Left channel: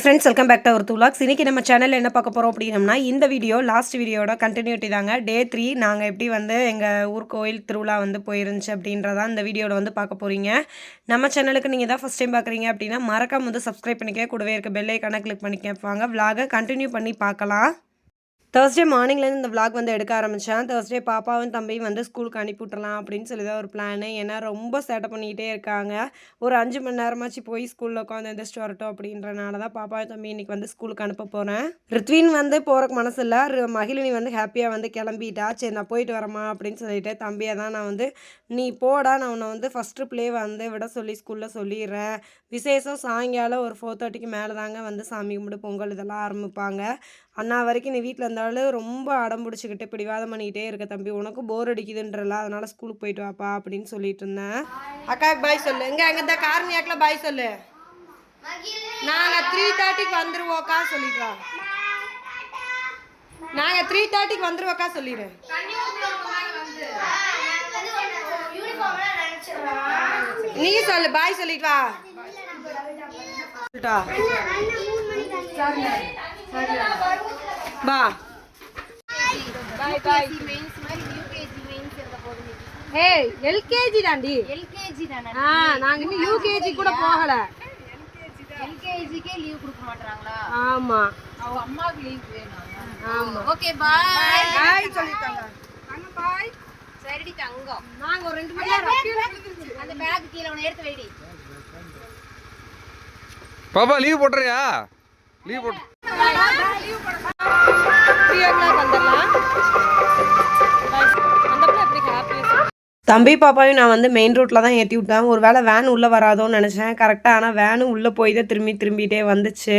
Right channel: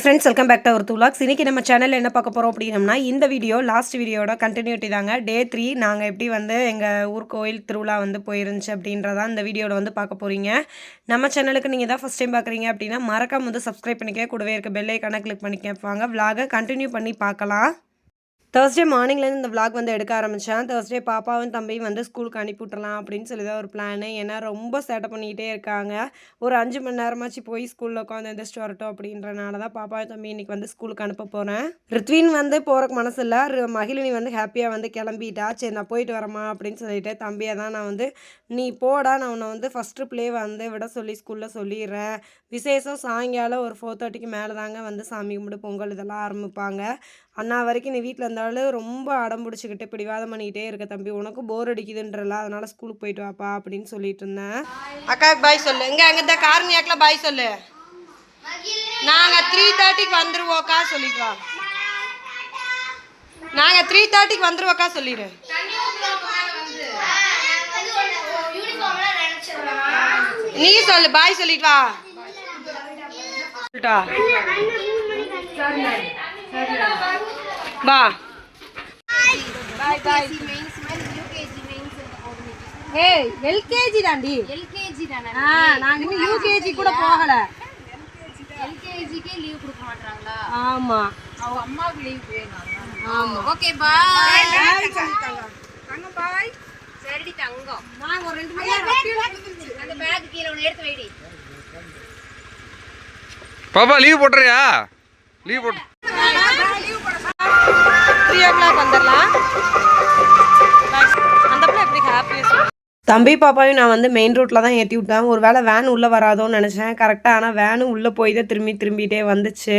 Friends welcome back to our vlogs. இன்னைக்கு நம்ம சேனலில் என்ன பார்க்க போகிறோம் அப்படின்னம்னா இந்த வீடியோ லாஸ்ட் வீடியோட கண்டினியூட்டி தாங்க. டே 3 நாங்கள் எப்படி வந்து எங்கள் ஊர் கோயில் திருவிழா வந்து போயிருந்துச்சு அப்படின்றதான் இந்த வீடியோவில் வந்து பார்க்க போகிறீங்க. நம்ம சேனலுக்கு நீங்கள் தான் ஃபஸ்ட் டைம் பார்க்குறீங்க அப்படின்னா மறக்காம வந்து சப்ஸ்கிரைப் பண்ணிக்க, கூடவே இருக்க பெல் ஐக்கானை கிளிக் பண்ணிக்க. வாங்க vlog கண்டினியூ பண்ணி பார்க்கலாம். தேர்ஸ்டே மார்னிங்லேருந்து இந்த விளாக் வந்து எடுக்க ஆரம்பித்தேன். தேர்ஸ்டே பாப்பாவும் தம்பியும் வந்து ஸ்கூலுக்கு அனுப்பி விட்றலாம் அப்படின்னு சொல்லி தான் ஒரு பிளானு. ஏன்னா ரொம்ப சேட்டை பண்ணிக்கிட்டே இருக்காங்க. ஒரு 5 மணி நேரமாச்சு போய் ஸ்கூலில் உட்காந்து எந்திரிச்சிட்டு வரட்டும் அப்படின்றனால தான் பாப்பாவும் தம்பி இன்றைக்கி வந்து ஸ்கூலுக்கு அனுப்ப போகிறேன். ரித்வின் வந்து போகிறக்கு மனசு இல்லை. மகிழினி வந்து ஹாப்பியாக வந்து கிளம்பிட்டா. சரி நான் போயிட்டு வரேம்மா அப்படின்னு சொல்லிட்டு தம்பியை தான் நான் வந்து நீ போடா, நான் உன்னை வந்து ஃபஸ்ட்டு ப்ளே வந்து விட சொல்லி ஸ்கூலில் சொல்லிடுறேன். விசேஷம் சாயங்காலம் ஒரு 4:30க்கு மேலே தாங்க வந்து சாமி கும்பிட்டு பொங்கல் இதெல்லாம் ஆரம்பிப்பாங்க. அண்ணா வரைக்கும் நீ வீட்டில் இருந்தாலும் ரொம்ப அடம் பிடிச்சிக்கிட்டு பிடிவாதம் பண்ணிக்கிட்டே இருக்க தம்பி, உனக்கும் போர் அடிக்குதுன்றல, அதனால் ஸ்கூலுக்கு போயிட்டு வாப்பா அப்படின்னு சொல்லிட்டு இருந்தேன். அக்காவுக்கு பாய் சொல்லு. அங்கே இந்த காரணியாக்கில் பாய் சொல்லு. நாங்கள் 3:30க்கு வந்துடுவோக்கா சொல்லிட்டு வா. நாங்கள் 3:30க்கு வந்துடுவோக்கா சொல்லிடு. நீ சொல்லு, பாய் சொல்லிட்டு வா. வா. ஏய் எல்கேஜி தாண்டி. எல்கேஜி தானே. நாங்க இன்னும் யூகேஜி கூட போகல. எல்கேஜிக்கே லீவ் கொடுக்க மாட்டாங்களா? ஆமா, அவங்க அம்மாவுக்கு லீவ் வேணும். ஆமா. Okay bye. பாய் சொல்லிட்டாங்க. தங்க பாய். சரிடி தங்கம். நாங்க ஒரு 2 மணி நேரம் அந்த பேக் கீழ ஒன்னு எடுத்து வைடி. பாப்பா லீவ் போட்றியா? லீவ் போட்டு 3 o'clock வந்துடலாம். அந்த பிள்ளை எப்படி ஹாப்பியாக தம்பி பாப்பாவையும் நான் வந்து மெயின் ரோட்டில் தான் ஏற்றி விட்டேன். ஒரு வேளை வேன் உள்ளே வராதோன்னு நினச்சேன். கரெக்டாக ஆனால் வேனும் உள்ளே போய் தான் திரும்பிகிட்டே வந்துச்சு.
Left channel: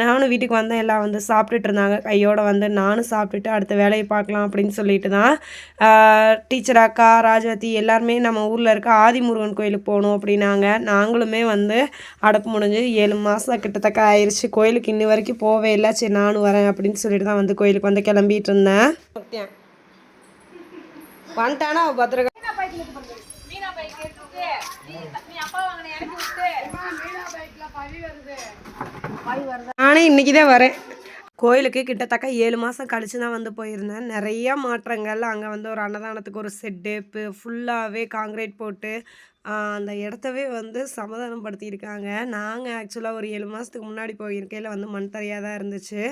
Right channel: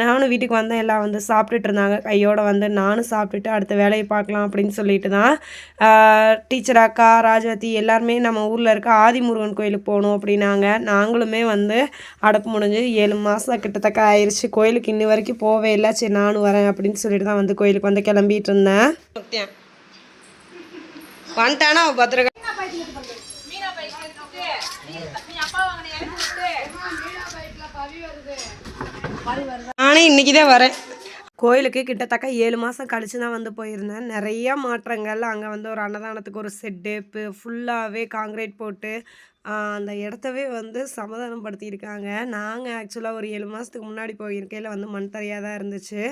நானும் வீட்டுக்கு வந்தேன். எல்லாம் வந்து சாப்பிட்டுட்டு இருந்தாங்க. கையோடு வந்து நானும் சாப்பிட்டுட்டு அடுத்த வேலையை பார்க்கலாம் அப்படின்னு சொல்லிட்டு தான் டீச்சர் அக்கா ராஜவதி எல்லாருமே நம்ம ஊரில் இருக்க ஆதிமுருகன் கோயிலுக்கு போகணும் அப்படின்னாங்க. நாங்களுமே வந்து அடப்பு முடிஞ்சு 7 மாதம் கிட்டத்தக்க ஆயிடுச்சு. கோயிலுக்கு இன்னி வரைக்கும் போவே இல்லை. சரி நானும் வரேன் அப்படின்னு சொல்லிட்டு தான் வந்து கோயிலுக்கு வந்து கிளம்பிட்டு இருந்தேன். வந்துட்டானா பத்திரகா நானே இன்னைக்கு தான் வரேன். கோயிலுக்கு கிட்டத்தட்ட 7 மாதம் கழிச்சு தான் வந்து போயிருந்தேன். நிறையா மாற்றங்கள். அங்கே வந்து ஒரு அன்னதானத்துக்கு ஒரு செட்டு ஃபுல்லாகவே காங்கிரீட் போட்டு அந்த இடத்தவே வந்து சமாதானப்படுத்தியிருக்காங்க. நாங்கள் ஆக்சுவலாக ஒரு 7 மாதத்துக்கு முன்னாடி போயிருக்கையில் வந்து மண் தரையாக தான் இருந்துச்சு.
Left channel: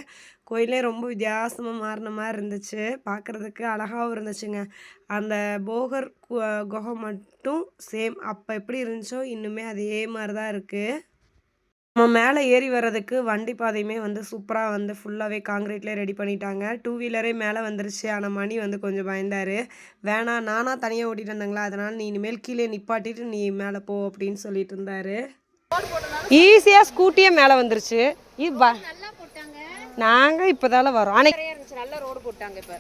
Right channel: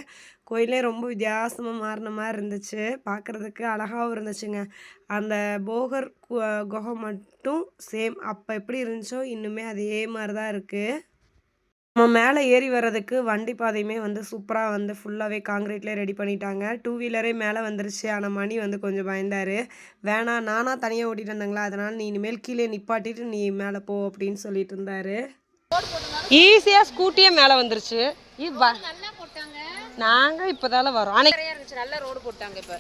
கோயிலே ரொம்ப வித்தியாசமாக மாறின மாதிரி இருந்துச்சு. பார்க்குறதுக்கு அழகாகவும் இருந்துச்சுங்க. அந்த போகர் குகை மட்டும் சேம் அப்போ எப்படி இருந்துச்சோ இன்னுமே அதே மாதிரி தான் இருக்குது. நம்ம மேலே ஏறி வர்றதுக்கு வண்டி பாதையுமே வந்து சூப்பராக வந்து ஃபுல்லாகவே காங்கிரீட்லேயே ரெடி பண்ணிட்டாங்க. 2 வீலரே மேலே வந்துருச்சு. ஆனால் மணி வந்து கொஞ்சம் பயந்தார். வேணாம் நானாக தனியாக ஓட்டிகிட்டு வந்தாங்களா, அதனால் நீ இனிமேல் கீழே நிப்பாட்டிட்டு நீ மேலே போ அப்படின்னு சொல்லிட்டு இருந்தார். ஈஸியாக ஸ்கூட்டியே மேலே வந்துருச்சு. நாங்கள் இப்போ தானே வரோம். அன்னைக்கு நல்ல ரோடு போட்டாங்க. இப்போ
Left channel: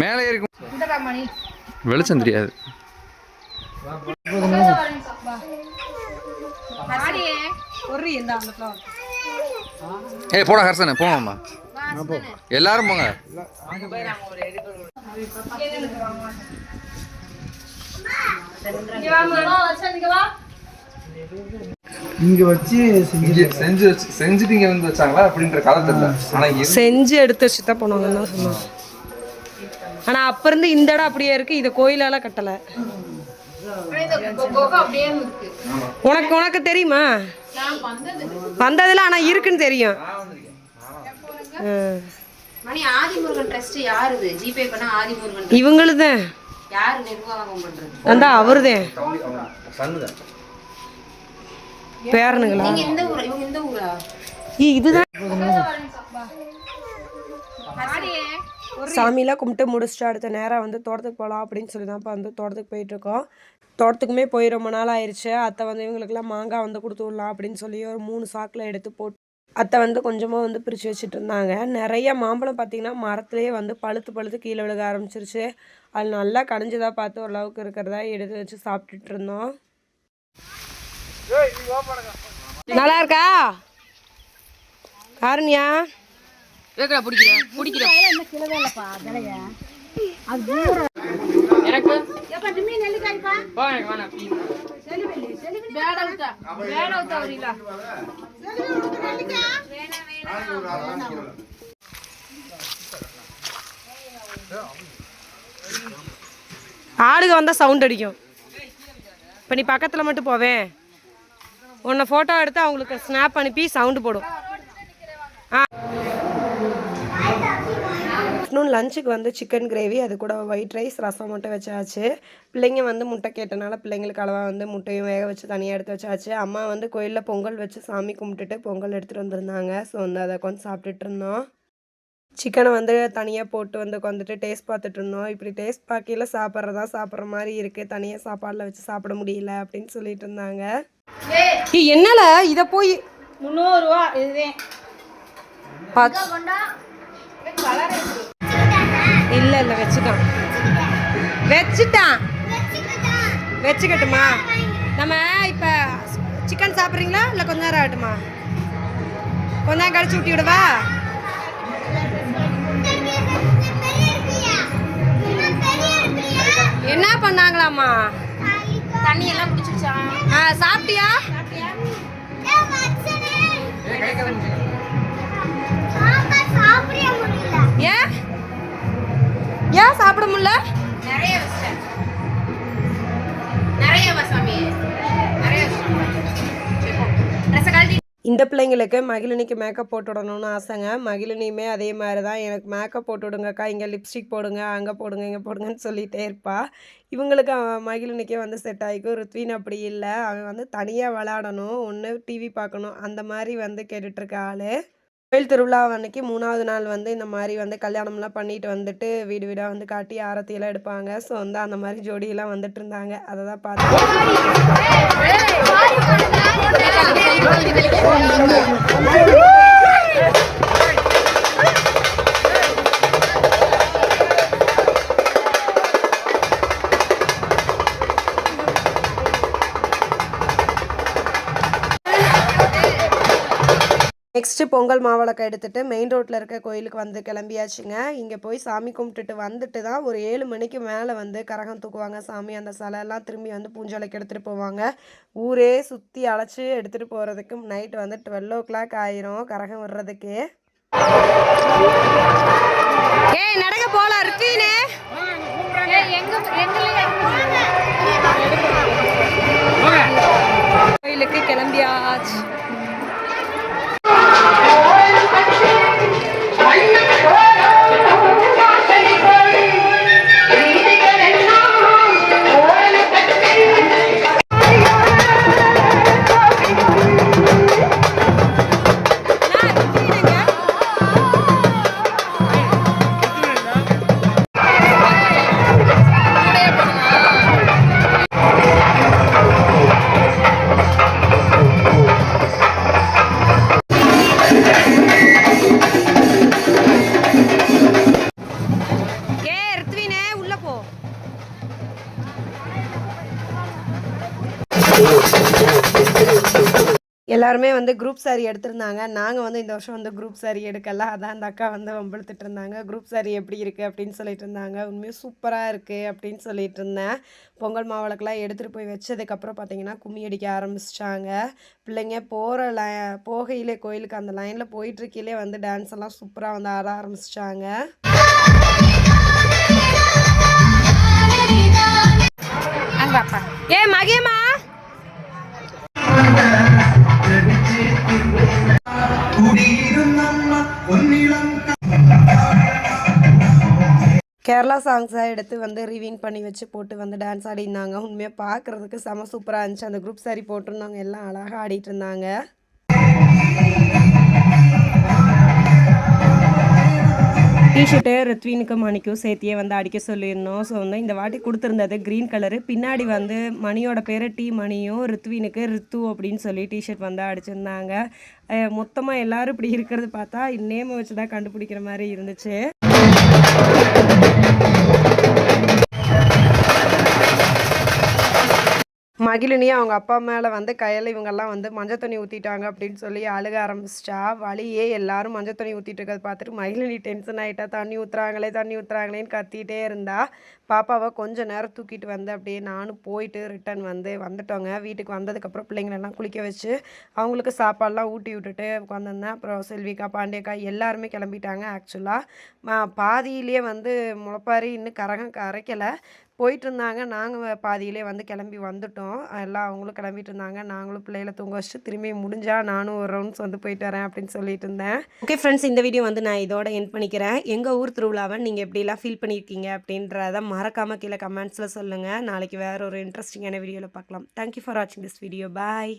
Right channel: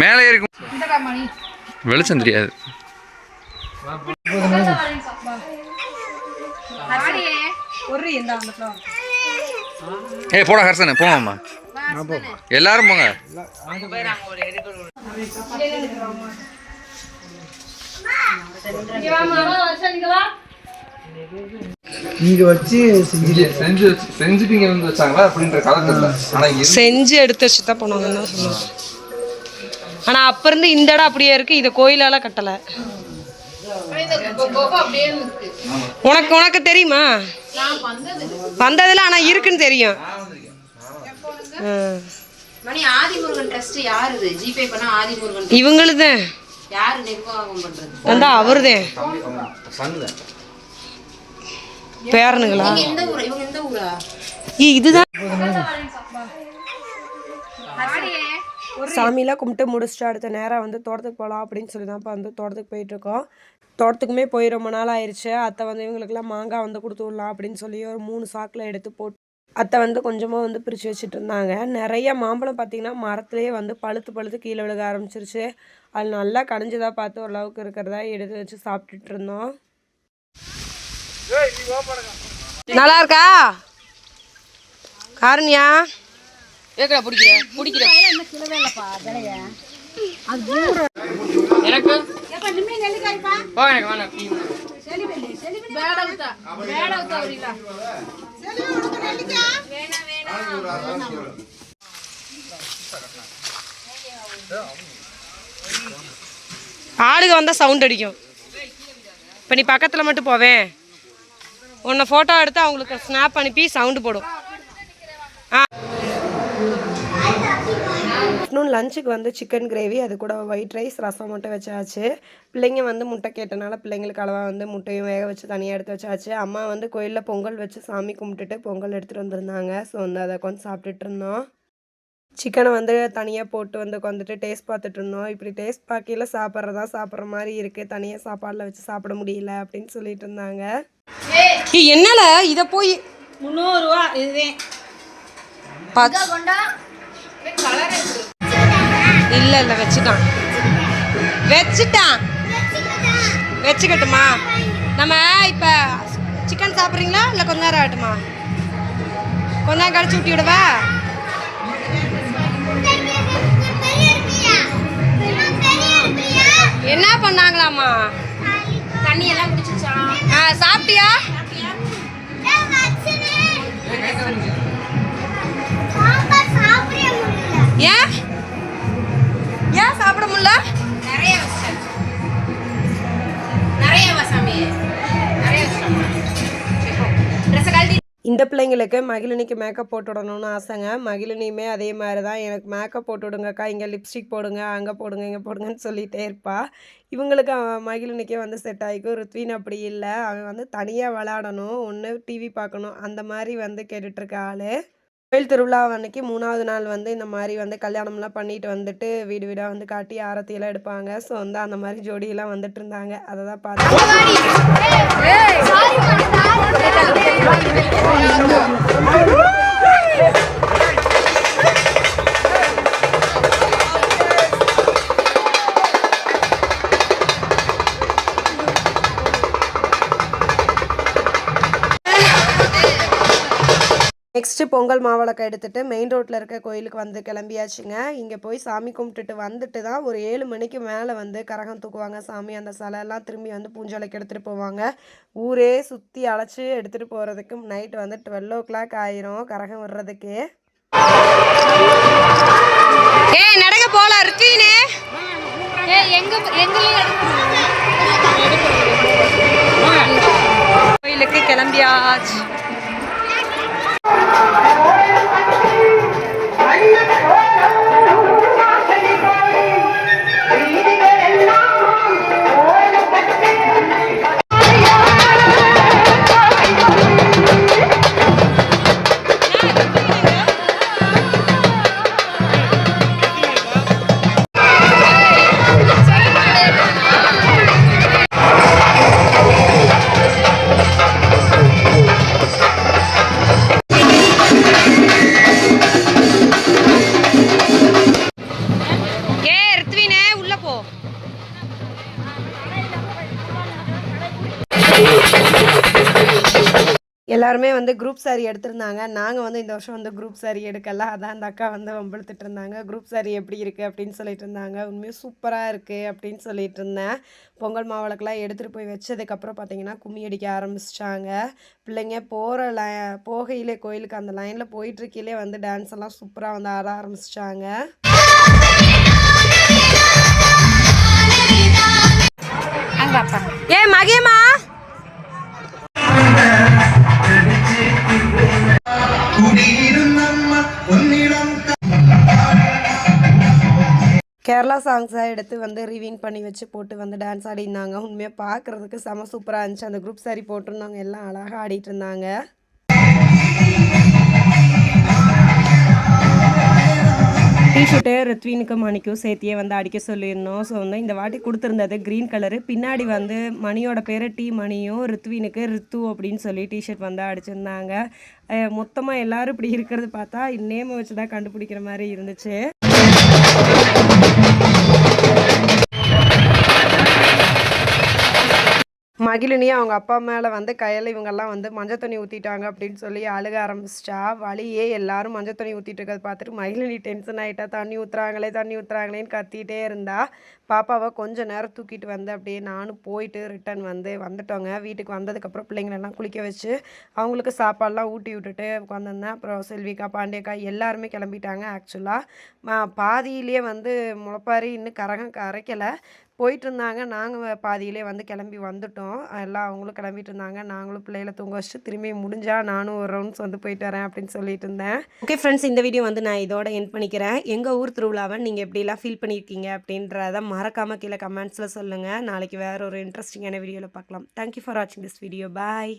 மேலே ஏறிக்கும் வெளிச்சம் தெரியாது. ஏய் போடா ஹர்சனே போங்கம்மா, எல்லாரும் போங்க. நீங்க வச்சு செஞ்சுட்டீங்க வந்து வச்சாங்களா அப்படின்ற காலத்துல. ஆனால் செஞ்சு எடுத்து வச்சு தான் போனாங்கன்னு தான் சொன்னாங்க. ஆனால் அப்போ இருந்து இந்த இடம் அப்படியே இருக்குது. இதை கோயிலால் கட்டலை. உனக்கு தெரியுமா? வந்ததில் ஆனால் இருக்குன்னு தெரியும். இவங்களுதான் அந்த அவருதான் பேரனுங்களா? இதுதான் சாமியெலாம் கும்பிட்டு முடிச்சுட்டு அடுத்த நேரம் வந்து தோட்டத்துக்கு போகலாம் அப்படின்னு சொல்லி தான் இப்போ வந்து தோட்டத்துக்கு போயிட்டுருக்கோம். தோட்டத்துக்குமே போய் ரொம்ப நாள் ஆயிடுச்சு. அத்தை வந்து இவங்களுக்குலாம் மாங்காய் வந்து கொடுத்து விடலாம் அப்படின்னு சொல்லி ஒரு 3 சாக்கில் எடுத்து போட்டு அத்தை வந்து கொஞ்சமாக வந்து பிரித்து வச்சுட்டு இருந்தாங்க. நிறைய மாம்பழம் பார்த்திங்கன்னா மரத்துலேயே வந்து பழுத்து கீழே விழுக ஆரம்பிச்சிருச்சு. அது நல்லா கனிஞ்சதாக பார்த்து ஓரளவுக்கு இருக்கிறதா எடுத்து வச்சு சாப்பிட்டுட்டு இருந்தோம். நல்லா இருக்கா காரணியா? ஏக்கா பிடிக்கிறேன் ஆளுக வந்தால் சவுண்ட் அடிக்கும். இப்போ நீ பக்கத்தில் மட்டும் போவேன், உன்னை ஃபோட்டோ எடுத்து அவங்களுக்கு ஸ்னாப் அனுப்பி சவுண்டு போடும். ஆஃப்டர்நூன் லஞ்சுக்கு வந்து சிக்கன் கிரேவி, அது கூட ஒயிட் ரைஸ், ரசம் மட்டும் வச்சாச்சு. பிள்ளைங்க வந்து முட்டை கேட்டனால பிள்ளைங்களுக்கு அளவாக வந்து முட்டையும் வேக வச்சு தனியாக எடுத்து வச்சாச்சு. அம்மா வந்து கோயிலில் பொங்கல் வச்சு சாமி கும்பிட்டுட்டு பொங்கல் எடுத்துகிட்டு வந்திருந்தாங்க. ஸோ வந்து அதை கொஞ்சம் சாப்பிட்டுட்டு இருந்தோம். சிக்கனை வந்து தனியாக போட்டு வந்து உட்காந்துட்டு டேஸ்ட் பார்த்துட்டு இருந்தோம். இப்படி டேஸ்ட் பார்க்கையில் சாப்பிட்ற மாதிரி இருக்குது, தனியாக சாப்பாடில் வச்சு சாப்பிட முடியல அப்படின்னு சொல்லிட்டு இருந்தாங்க. என்னால இதை போய் 300 ரூபா இதுவே இல்லை இல்லை வச்சுக்கட்டுமா? நம்ம இப்போ சிக்கன் சாப்பிட்றீங்களா இல்லை கொஞ்ச நேரம் ஆகட்டுமா? கொஞ்ச நேரம் கழிச்சு ஊட்டி விடவா? என்ன பண்ணாங்களாமா? தண்ணி எல்லாம் குடிச்சிச்சா? சாப்பிட்டியா? ஏன் சாப்பிட முடியல? இந்த பிள்ளைங்களுக்கு மகிழினிக்கு மேக்கப் போட்டு விடணும்னு ஆசைங்க. மகிழினியுமே அதே மாதிரி தான், எனக்கு மேக்கப் போட்டு விடுங்கக்கா, இங்கே லிப்ஸ்டிக் போடுங்க, அங்கே போடுங்க, இங்கே போடுங்கன்னு சொல்லிகிட்டே இருப்பா. இவங்களுக்கு மகிழினிக்கே வந்து செட் ஆகிக்கும். ருத்வின் அப்படி இல்லை, அவன் வந்து தனியாக விளையாடணும், ஒன்று டிவி பார்க்கணும், அந்த மாதிரி வந்து கேட்டுட்ருக்க ஆள். கோயில் திருவிழா அன்னைக்கு 3வது நாள் வந்து இந்த மாதிரி வந்து கல்யாணம்லாம் பண்ணிட்டு வந்துட்டு வீடு வீடாக வந்து காட்டி ஆரத்தியெல்லாம் எடுப்பாங்க. ஸோ வந்து அந்த மாதிரி ஜோடியெல்லாம் வந்துட்டு இருந்தாங்க. அதை தான் நெக்ஸ்ட்டு பொங்கல் மாவிளக்கு எடுத்துகிட்டு மெயின் ரோட்டில் இருக்க கோயிலுக்கு வந்து கிளம்பியாச்சுங்க. இங்கே போய் சாமி கும்பிட்டுட்டு வந்துட்டு தான் ஒரு 7 மணிக்கு மேலே வந்து கரகம் தூக்குவாங்க சாமி. அந்த சிலையெல்லாம் திரும்பி வந்து பூஞ்சோலைக்கு எடுத்துகிட்டு போவாங்க. ஊரே சுற்றி அழைச்சி எடுத்துகிட்டு போகிறதுக்கு நைட்டு வந்து 12 o'clock ஆயிரும் கரகம் விடுறதுக்கு. நடக்க போகலாம் ருத்வீனே. கோயிலுக்கு கிளம்பியாச்சு. எல்லாருமே வந்து குரூப் சாரீ எடுத்திருந்தாங்க. நாங்கள் வந்து இந்த வருஷம் வந்து குரூப் சாரீ எடுக்கல. அதான் அந்த அக்கா வந்து வம்பிழுத்துட்டு இருந்தாங்க. குரூப் சாரீ எப்படி இருக்குது அப்படின்னு சொல்லிட்டு இருந்தாங்க. உண்மையாக சூப்பராக இருக்குது அப்படின்னு சொல்லிட்டு இருந்தேன். பொங்கல் மாவிளக்கெல்லாம் எடுத்துகிட்டு போய் வச்சதுக்கப்புறம் பார்த்தீங்கன்னா கும்மி அடிக்க ஆரம்பிச்சிட்டாங்க. பிள்ளைங்க போகையிலே கோயிலுக்கு அந்த லைனில் போயிட்டுருக்கையிலே வந்து டான்ஸ் எல்லாம் சூப்பராக வந்து ஆட ஆரம்பிச்சிட்டாங்க. மகிமா கேரளா சாங்ஸை எடுத்து வந்து ரிவீன் பண்ணி வச்சு போட்டு வந்து டான்ஸ் ஆடிருந்தாங்க. உண்மையாக பார்க்குறதுக்கு செம சூப்பராக இருந்துச்சு. அந்த குரூப் சாரி போட்டிருந்தவங்க எல்லாம் அழகாக ஆடிட்டு இருந்தாங்க. டிஷர்ட்டு ருத்வீனுக்கு மணிக்கும் சேர்த்தியே வந்து அடிக்க சொல்லியிருந்தோம். ஸோ வந்து இந்த வாட்டி கொடுத்துருந்தது க்ரீன் கலரு. பின்னாடி வந்து மணியோட பேர் டி மணியும் ருத்வீனுக்கு ரித்து அப்படின்னு சொல்லி டிஷர்ட் வந்து அடிச்சிருந்தாங்க. மொத்தமாக எல்லோரும் இப்படி இருக்கிறது பார்த்தா நேமை வச்சு தான் கண்டுபிடிக்கிற மாதிரி இருந்துச்சு. மகிழினியும் அவங்க அப்பா மேலே வந்து கையில் இவங்கெல்லாம் வந்து மஞ்சள் தண்ணி ஊற்றிட்டாங்க அப்படின்னு சொல்லி அழுக ஆரம்பிச்சிட்டா. வழியே எல்லாரும் மஞ்சள் தண்ணி ஊற்றிட்டு இருக்கிறத பார்த்துட்டு மகிழினி டென்ஷன் ஆகிட்டா. தண்ணி ஊற்றுறாங்களேன்னு கத்திட்டே இருந்தா. பாப்பாவை கொஞ்சம் நேரம் தூக்கிட்டு வந்து அப்படியே நானும் போயிட்டு ரிட்டன் வந்துட்டோங்க. வீட்டுக்கு வந்ததுக்கப்புறம் பிள்ளைங்களெல்லாம் குளிக்க வச்சு அவங்களுக்கு சாப்பாடெலாம் ஊட்டி விட்டுட்டு உட்காந்துருந்தேன். அப்புறம் செல்விக்கா பாண்டியக்கா எல்லாருமே கிளம்பிட்டாங்க. ஆக்சுவலாக பாதியிலே முளைப்பாரி இன்னும் கரைக்கலை போயிட்டு இருந்தாங்க. நாங்கள் பாதியிலே கிளம்பி வந்துட்டோம். எல்லாம் அவங்களும் கிளம்பிட்டு இருந்தாங்க. நாங்களும் பிள்ளைகளை தூங்க வச்சுட்டு திரும்பி முடிஞ்சால் நானும் ஒரு ரவுண்ட்ஸ் போயிட்டு வரேன் அப்படின்னு சொல்லிட்டு இருந்தேன். ஓகே ஃப்ரெண்ட்ஸ், இந்த வீடியோ நான் இதோட எண்ட் பண்ணிக்கிறேன். எங்கள் ஊர் திருவிழாவை நீங்கள் எப்படிலாம் ஃபீல் பண்ணியிருக்கீங்க அப்படின்றத மறக்காமல் கீழே கமெண்ட்ஸில் சொல்லுங்கள். நாளைக்கு வேறு ஒரு இன்ட்ரெஸ்டிங்கான வீடியோவில் பார்க்கலாம். தேங்க்யூ ஃபார் வாட்சிங் திஸ் வீடியோ. பாய்.